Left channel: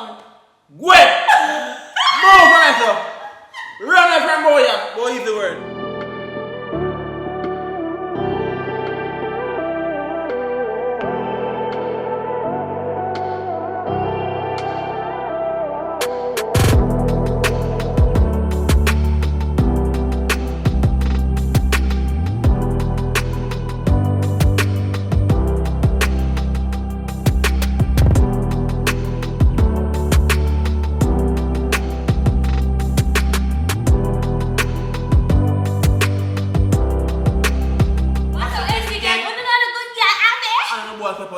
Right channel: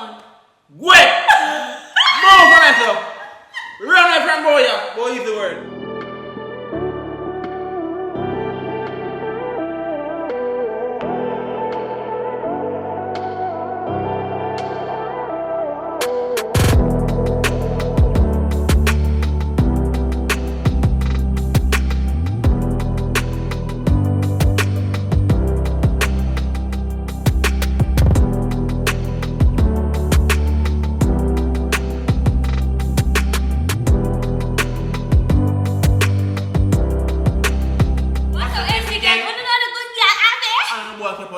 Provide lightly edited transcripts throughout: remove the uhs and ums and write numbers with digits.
down. Wait! Move on it. Run it from boy. Boy is the word.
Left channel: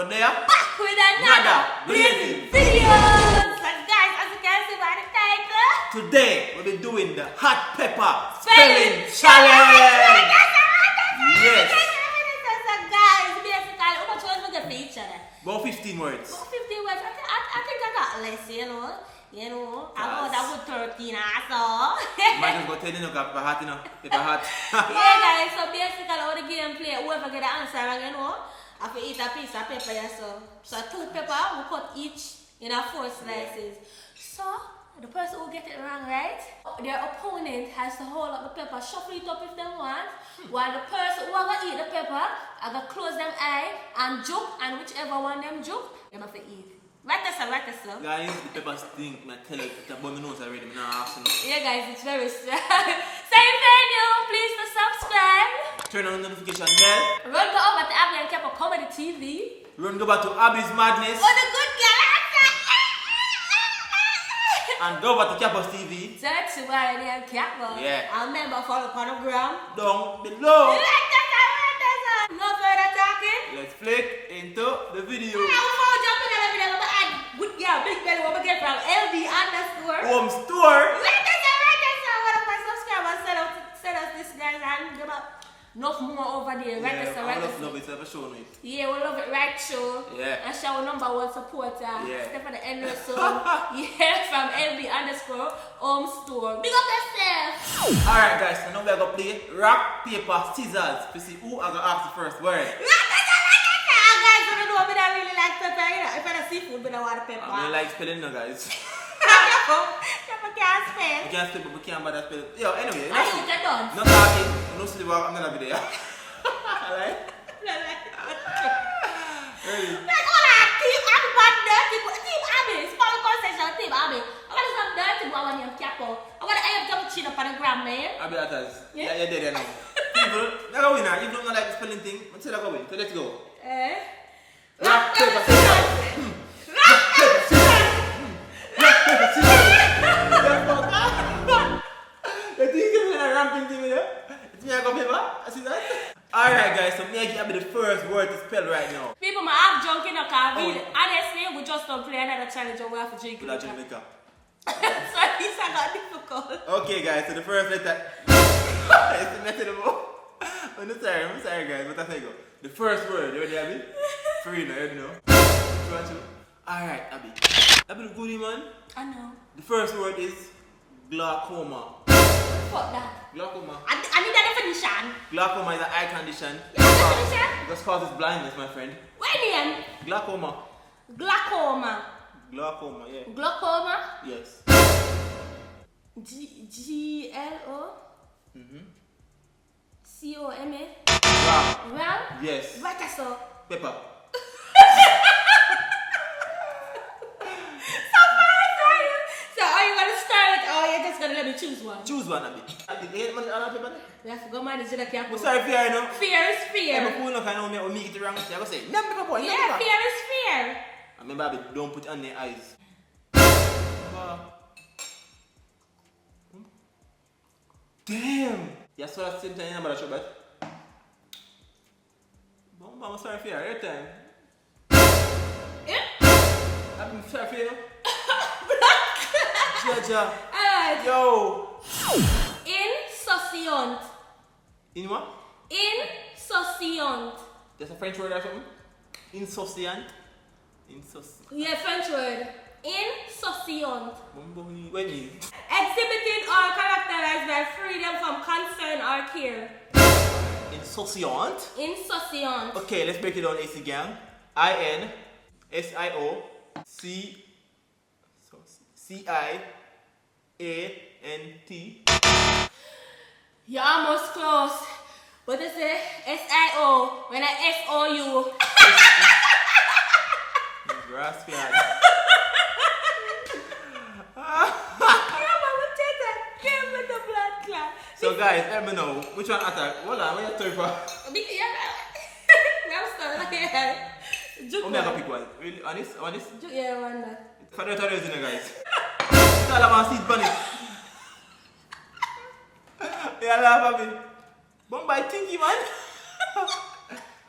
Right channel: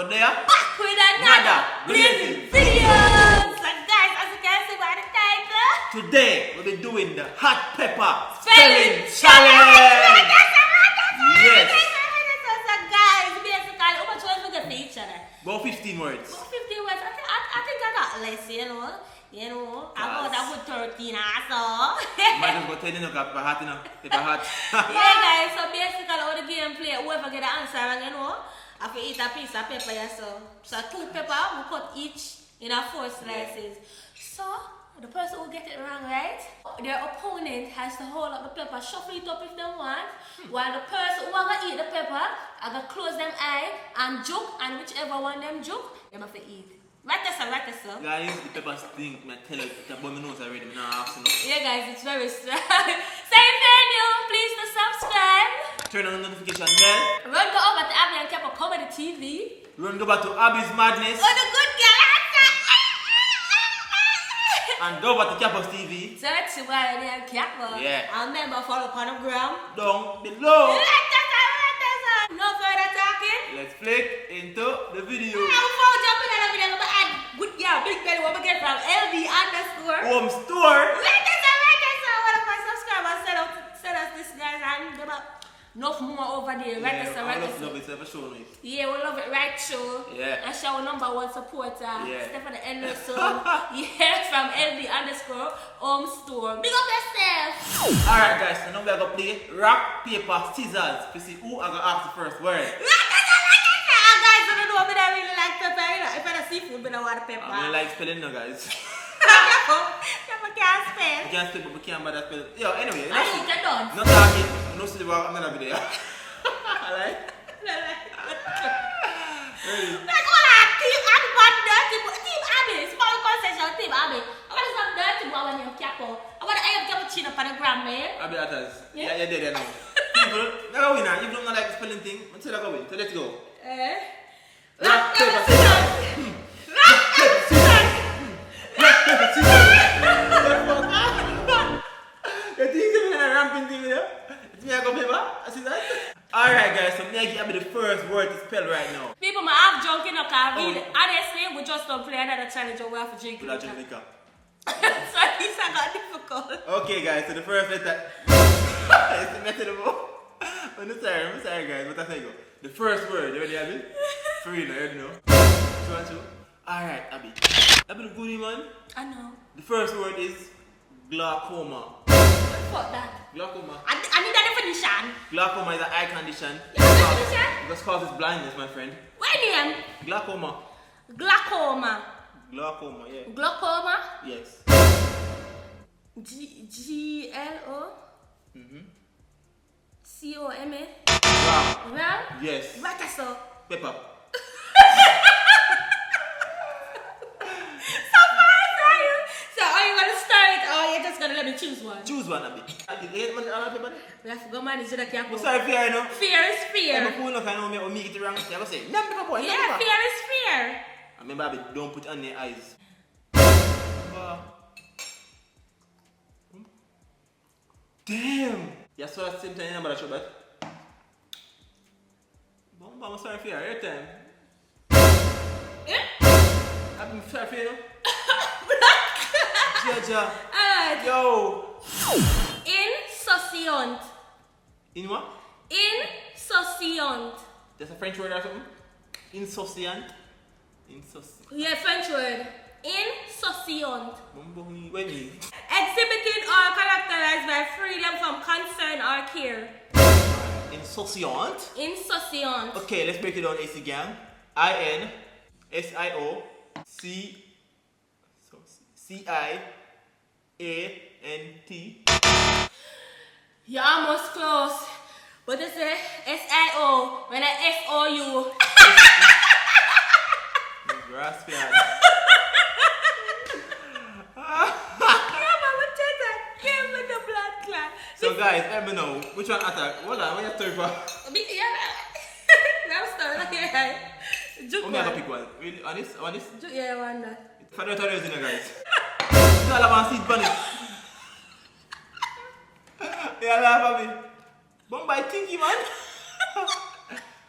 Back with another blazing video. So guys, as you can see by the title, today we'll be doing the hot pepper spelling challenge. Yes. So guys, basically, how much words we get for each other? About 15 words. About 15 words. I think I got less, you know. I got a good 13 also. Might just go 10 in pepper hot, you know. Pepper hot. Yeah guys, so basically all the gameplay, whoever get the answer, you know, I have to eat a piece of pepper, yeah, so 2 pepper, we cut each in a 4 slices. So, the person who get it wrong, right? Their opponent has to hold up the pepper, shuffle it up if they want, while the person who are eat the pepper, I gonna close them eye and juke, and whichever one them juke, they have to eat. Right there, sir. Guys, the pepper stink, I tell you, it's about my nose already, I'm not asking. Yeah guys, it's very strong. Same venue, please to subscribe. Turn on the notification bell. Run go over to Abbi and Kepa Comedy TV. Run go back to Abbi's Madness. Oh, the good girl. And go back to Kepa's TV. Search while they Kepa. Yeah. And remember, follow on the gram. Down below. No further talking. Let's flick into the video. Before jumping in the video, I'm going to add good girl, big belly, what we get from LB_. Home store. Like us, what if I subscribe and send us this guys and give up enough more over there. Yeah, I love it, ever shown it. Yeah, we love it, right, show. Yeah. And show our #1 supporter. Yeah. Stephen Anderson. Yeah, from LB_ home store. Big up yourself. Alright guys, so now we are going to play rock, paper, scissors to see who are going to ask the first word. Guys, I don't know if I really like pepper. You know, if I seafood, I don't want pepper. I don't like spelling now guys. Pepper can't spell. We can't spell but we can't bother spell. Yo, anyway. I think I done. Not talking. No see the work, I'm not going to be there. Alright? Ready? Like all that team Abbi bad dirty team Abbi. Small concession team Abbi. I want some dirty boy when you're capo. I want to have your chin up on the ground, man. Abbi Atas. Yeah. You're dead now. People, they're going to win. If you don't like the spelling thing, I'm still going to win. So let's go. Rock, paper, scissors. Rock, paper, scissors. Rock, paper, scissors. You think you're a ramping thing with you? It's me, I got paper, scissors. Alright guys, so me I give you the first word to spell right now. People might have drunk in the car. Honestly, we just don't play another challenge or we have to drink. We'll drink liquor. Sorry, this I got difficult. Okay guys, so the first letter. It's the method of all. I'm sorry guys, but that's how you go. The first word, you ready, Abbi? For real, you already know. 2 and 2. Alright, Abbi. Abbi, the goodie man. I know. The first word is glaucoma. Fuck that. Glaucoma. I need a definition. Glaucoma is an eye condition. You have a definition? Because causes blindness, my friend. What name? Glaucoma. Glaucoma. Glaucoma, yeah. Glaucoma? Yes. G-L-O? C-O-M-A? Rock. Well? Yes. Right, so. Pepper. So are you gonna start or you're just gonna let me choose one? Choose one, Abbi. You hate man, all pepper? We have to go manage the cap. I'm sorry, fear, you know. Fear is fear. I'm going to know me make it wrong. I go say, no pepper boy, no Yeah, pepper. fear is fear. I remember, Abbi, don't put it on their eyes. Damn! You saw that same time in about a show, but I'm sorry for you, every time. Yeah? I'm sorry for you, know? Jaja. Alright. Yo! Insouciant. In what? Insouciant. That's a French word or something? Insouciant? Insouciant. Yeah, French word. Insouciant. Wait me. Exhibiting or characterized by freedom from concern or care. Insouciant? Insouciant. Okay, let's break it down, AC gang. INSIOC. So, C-I-A-N-T. You're almost close. But it's a S-I-O when I S-O-U. Raspy. So guys, let me know which one attack. Hold on, what you throwing for? I'm sorry. I'm gonna pick one. Really? Honest? Yeah, one that. For the tutorials, guys. It's all about seed bunny. Yeah, laugh at me. Bombay Tinky, man.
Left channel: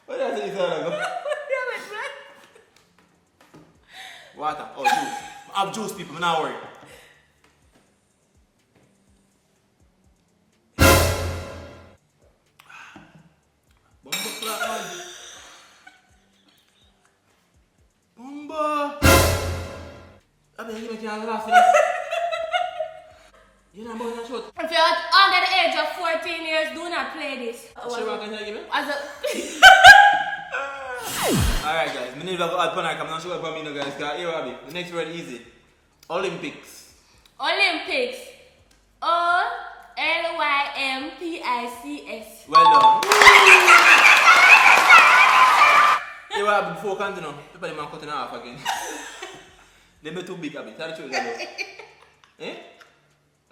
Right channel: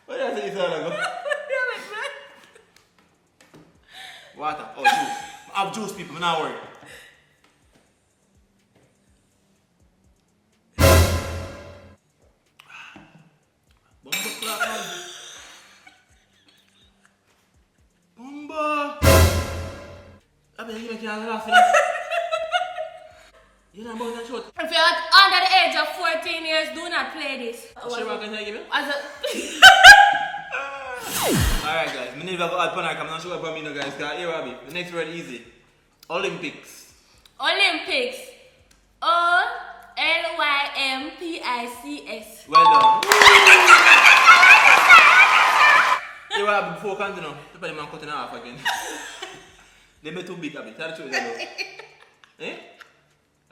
What does it all about? Water. Oh, juice. I have juice, people. I'm not worried. Bomba clap, man. Bomba. Abbi, you make it laugh. You're not about that short. If you're under the age of 14 years, do not play this. Sure, what can you give me? As a Alright guys, I need to go add panak. I'm not sure about me now guys. Here Abbi. The next word easy. Olympics. Olympics. O-L-Y-M-P-I-C-S. Well done. Here Abbi, before I continue, the man cutting off again. They made too big Abbi. Tell the truth. Eh?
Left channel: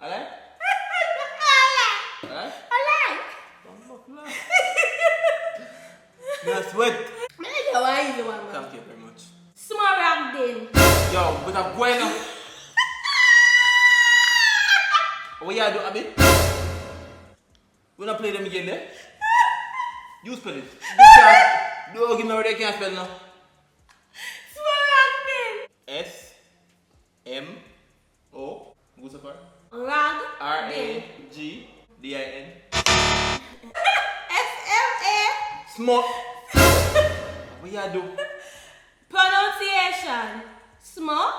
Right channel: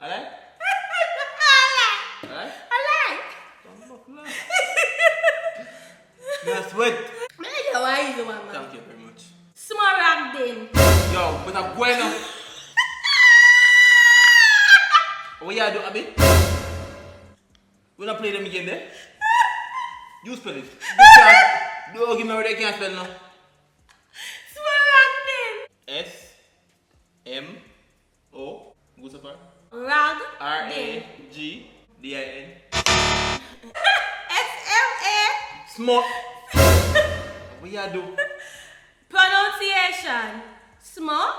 Alright? Alright? Alright? Sweat. Thank you very much. Small rock then. Yo, but I'm going now. What you do, Abbi? We not play them again there? You spell it. Don't give me where they can't spell now. Small rock then. S-M-O. What's up, Rag. R-A-G-D-I-N. S-M-A. Small. What you do? Pronunciation. Small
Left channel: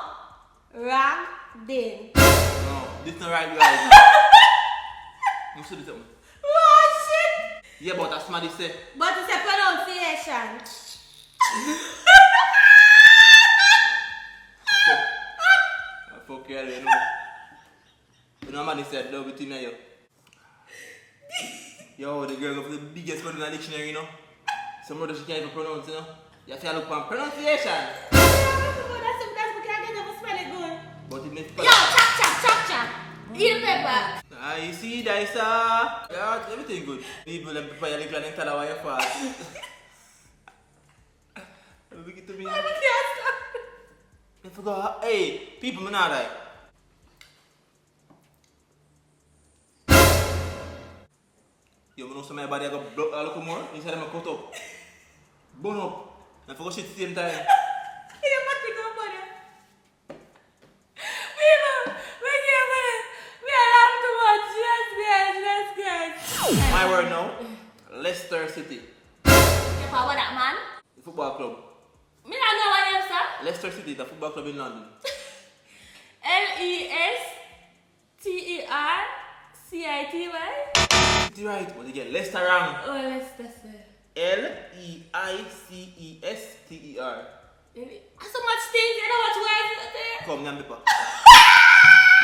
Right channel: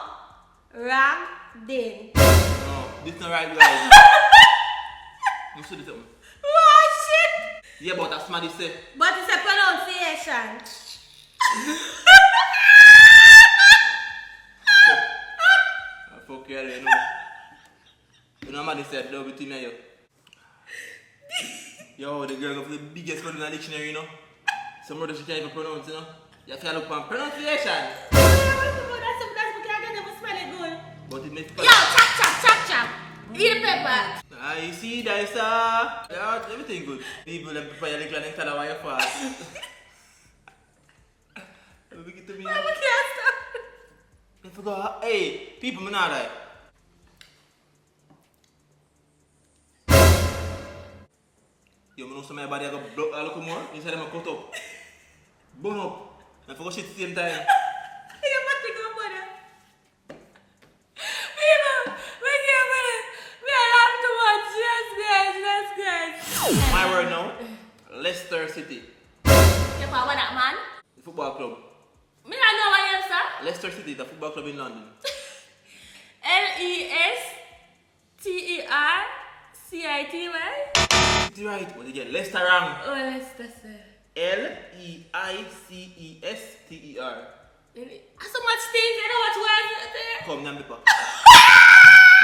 rock then. No, this not right, guys. You see this one? Oh shit! Yeah, but that's somebody say. But it's a pronunciation. Fuck you, you know. You know what I said, love between me and you. Yo, the girl go for the biggest word in the dictionary, you know. Some words she can't even pronounce, you know. You have to look for pronunciation. That's because I can never spell it good. But it makes Yo, chop. Eat the pepper. I see, that is yeah, everything good. People and prepare your little and tell her why you fast. Look it to me. I can't stop. I forgot. Hey, people, I'm not like. Yo, I know somebody body I got block a little more. Inside them I cut up. Burn up. I forgot shit at the same time. You must be good for that. We are laughing too much. Yes, guys. My word now. Leicester City. You power that man? The football club. Me not know what you say. Leicester City, the football club in London. L-E-S-T-E-R-C-I-T-Y. City right, but you get Leicester wrong. Oh, Leicester, sir. L-E-I-C-E-S-T-E-R. So much things, you know what words are there? Come, Nyam Pepper.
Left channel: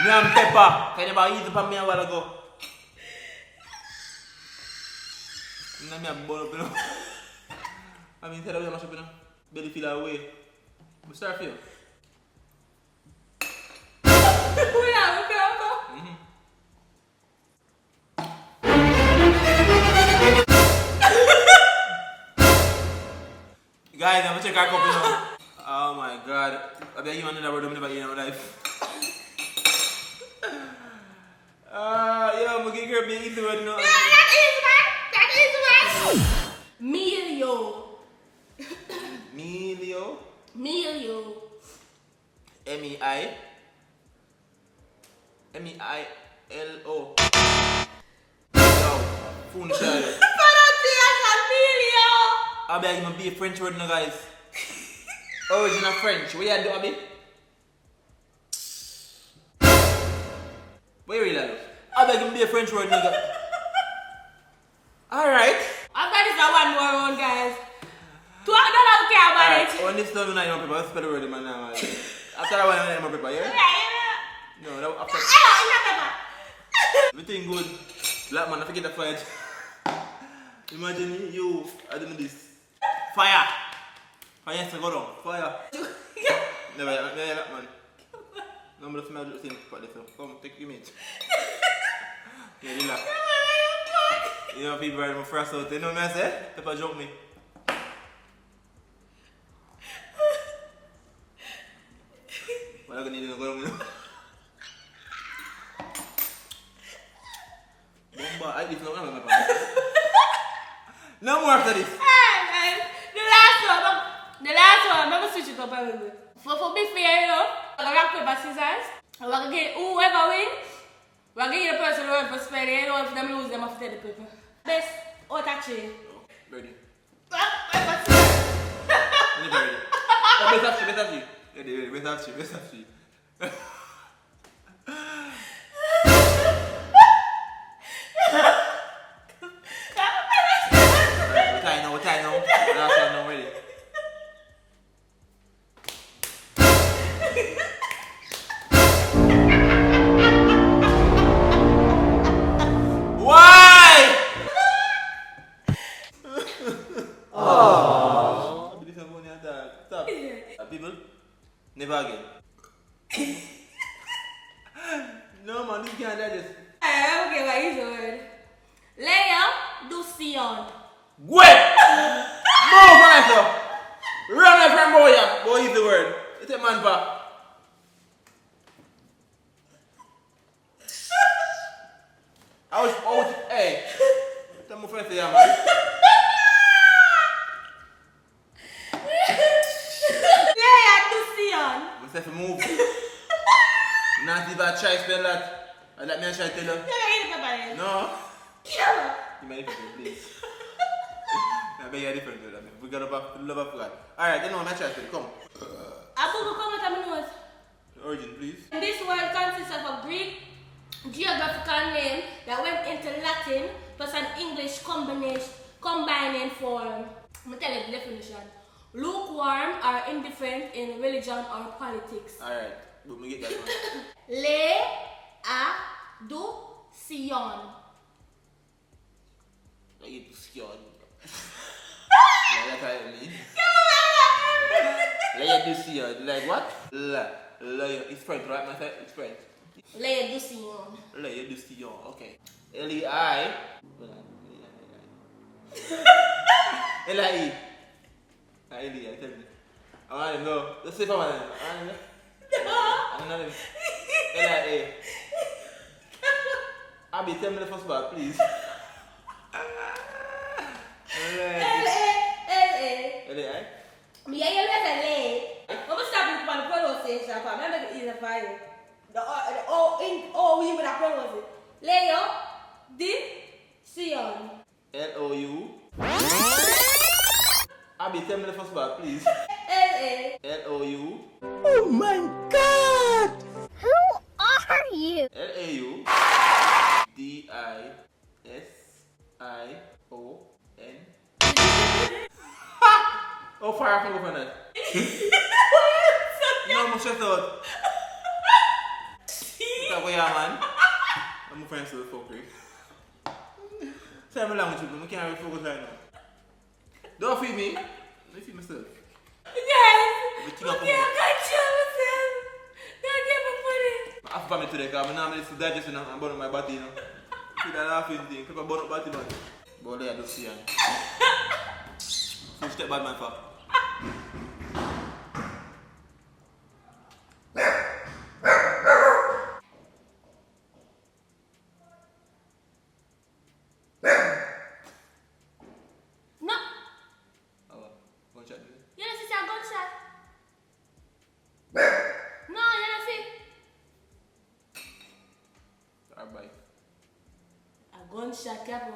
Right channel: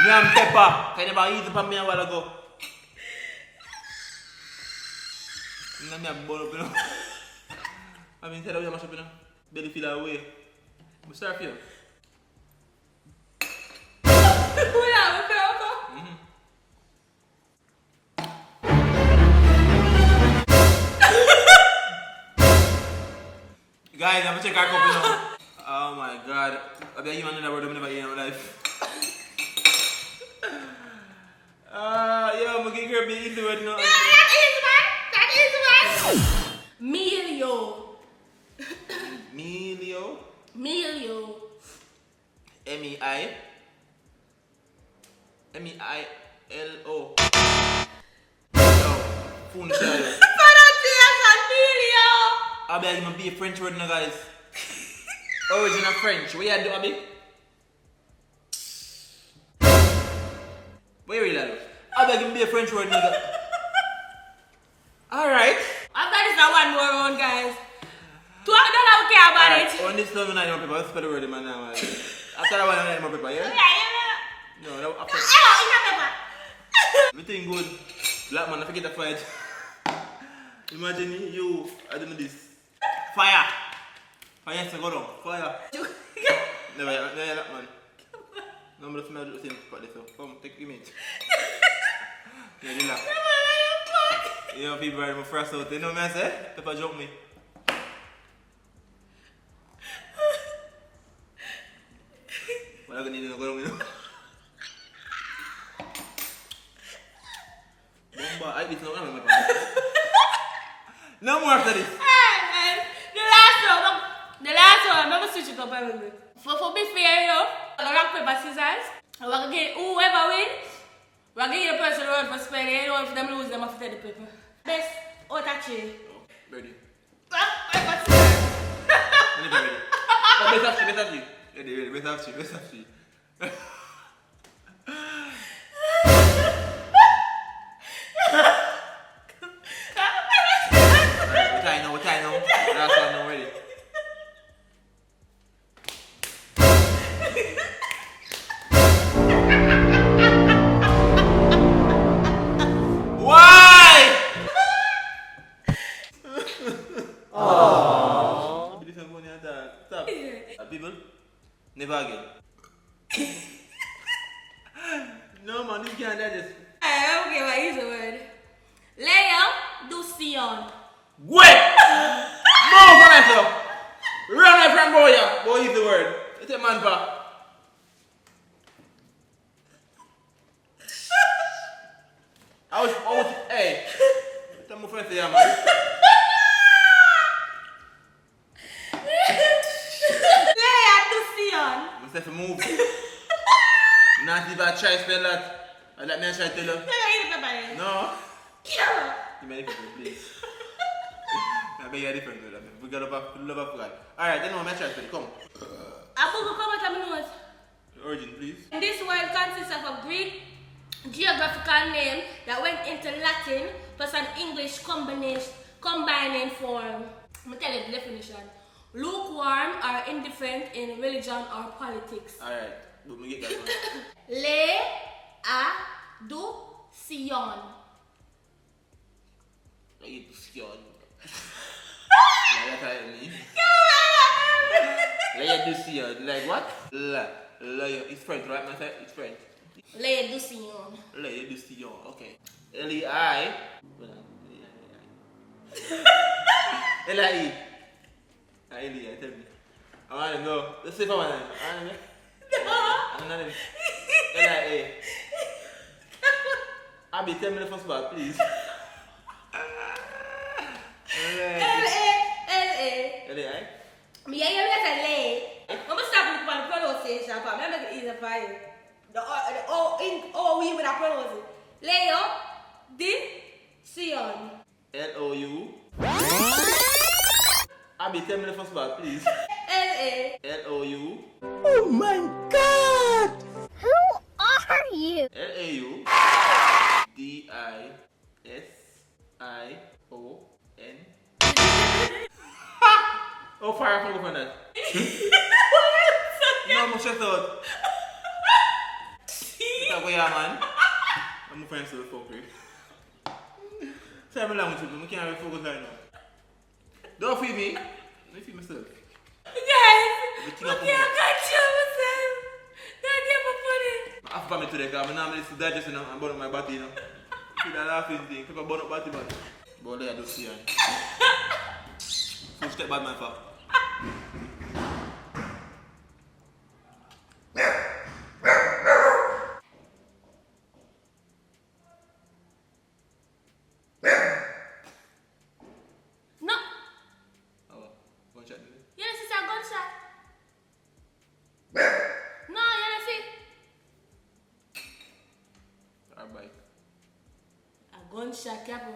Nyam Pepper. Can you eat it from me a while ago? Nyam me a ball up, you know. I mean, tell you mash up, you know. Belly feel away. We start for you. Guys, I'm gonna check our cup now. Oh my god. I bet you another word I'm never hear in my life. Yo, I'm gonna get her big easy word now. That is one. Melio. M-E-I. M-E-I-L-O. Yo, phone shadow. Abbi, I'm gonna be a French word now, guys. Original French. What you do, Abbi? What you really do? Abbi, I'm gonna be a French word now. Alright. After this, I want more round, guys. $2 don't care about it. On this time, I don't know people. Let's spell the word in my name. After that one, I don't know more people, yeah? No, that after. In a pepper. Everything good. Black man, I forget the fight. Imagine you, I don't know this. Fire! Fire, so go down. Fire. Never, that man. No, I'm smell the same spot there, so come, take image. Yeah, relax. You know, people are first out. You know what I say? Pepper joke me. What are you going to go down, you know? Bomba, I eat no more. No more after this. The last one, I'm going to switch it up a little bit. For be fair, you know, rock, paper, scissors. We're going to get whoever wins. We're going to get the person who wins for spelling. You know, if them lose, them have to take the paper. Best out of three. Ready. Rock, paper, scissors. Ready. Oh, best of three. Ready, best of three. What I know. Last one now, ready. Why? Oh. Stop. People, never again. No man, this can't do this. Okay, what is the word? Leia Ducion. Wait! Move for myself! Run away from boy! Boy is the word. It's a man back. Hey! Tell me first, yeah, man. Leia Ducion. I said to move. Not even try to spell that. I let me try to tell you. No. Yeah. You may different, please. I beg you different. We got love of God. Alright, then I'm try to spell it. Come. Abu, come with me notes. Origin, please. This word consists of a Greek geographical name that went into Latin plus an English combining form. I'm going to tell you the definition. Lukewarm or indifferent in religion or politics. Alright, but me get that one. Le a du Sion. You scared. That's what I mean. Layer du Sion. Like what? Layer. It's French, right? It's French. Le du Sion. Layer du Sion. Okay. L-E-I. L-I-E. L-E-I, tell me. I want to know. Let's see if I want to know. I don't know them. L-I-A. Abbi, tell me the first part, please. L-A. L-A-I? Me, you say Le. I'm going to stop with the pronunciation. I'm going to make it easier for you. The O, we would have pronounced it. Leo, di, Sion. L-O-U. Abbi, tell me the first part, please. L-A. L-O-U. Oh my God! Who are you? L-A-U. D-I-S-I-O-N. Oh, fire from over that. No, I'm stressed out. That way, man. I'm friends to the fucker. Say I'm along with you, but I can't really focus right now. Don't feed me. Let me feed myself. Guys, Everything I up can't control myself. Don't get me funny. I have family today, because I'm normally to digest and I'm burning my body, you know. See that laughing thing, people burn up body, man. But there I do see, and so step bad, man, for. No. Oh, gunshot, dude. You don't see a gunshot. No, you don't see. Our bike. A gunshot, Capo.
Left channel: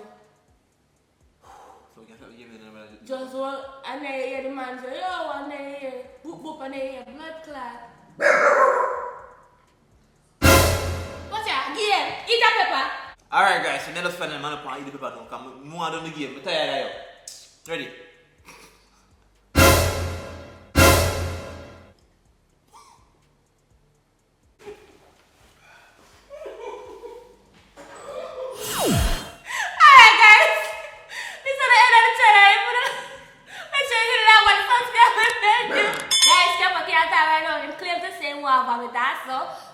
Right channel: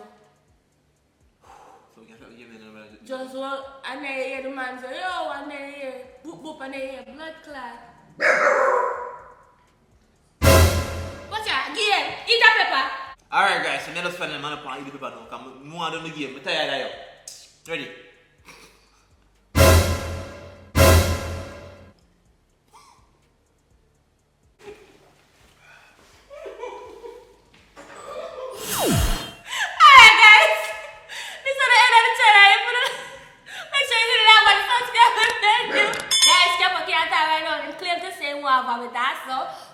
So we can start the game then. Just walk, and then you hear the man say, yo, and then you hear, boop, boop, and then you hear blood clot. What's that? Game, eat that pepper. Alright, guys, so let us find a man up and eat the paper now, because I'm more done the game. I'm tired of you. Ready?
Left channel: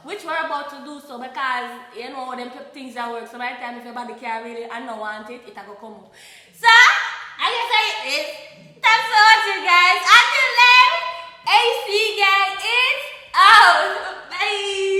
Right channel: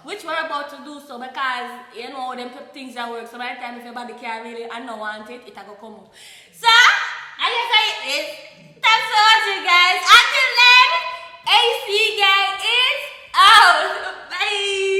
which we're about to do so because you know them things that work. So by the time if your body can't really and not want it, it'll go come up. So I guess I is thanks for watching guys. Until then, AC gang is out. Bye.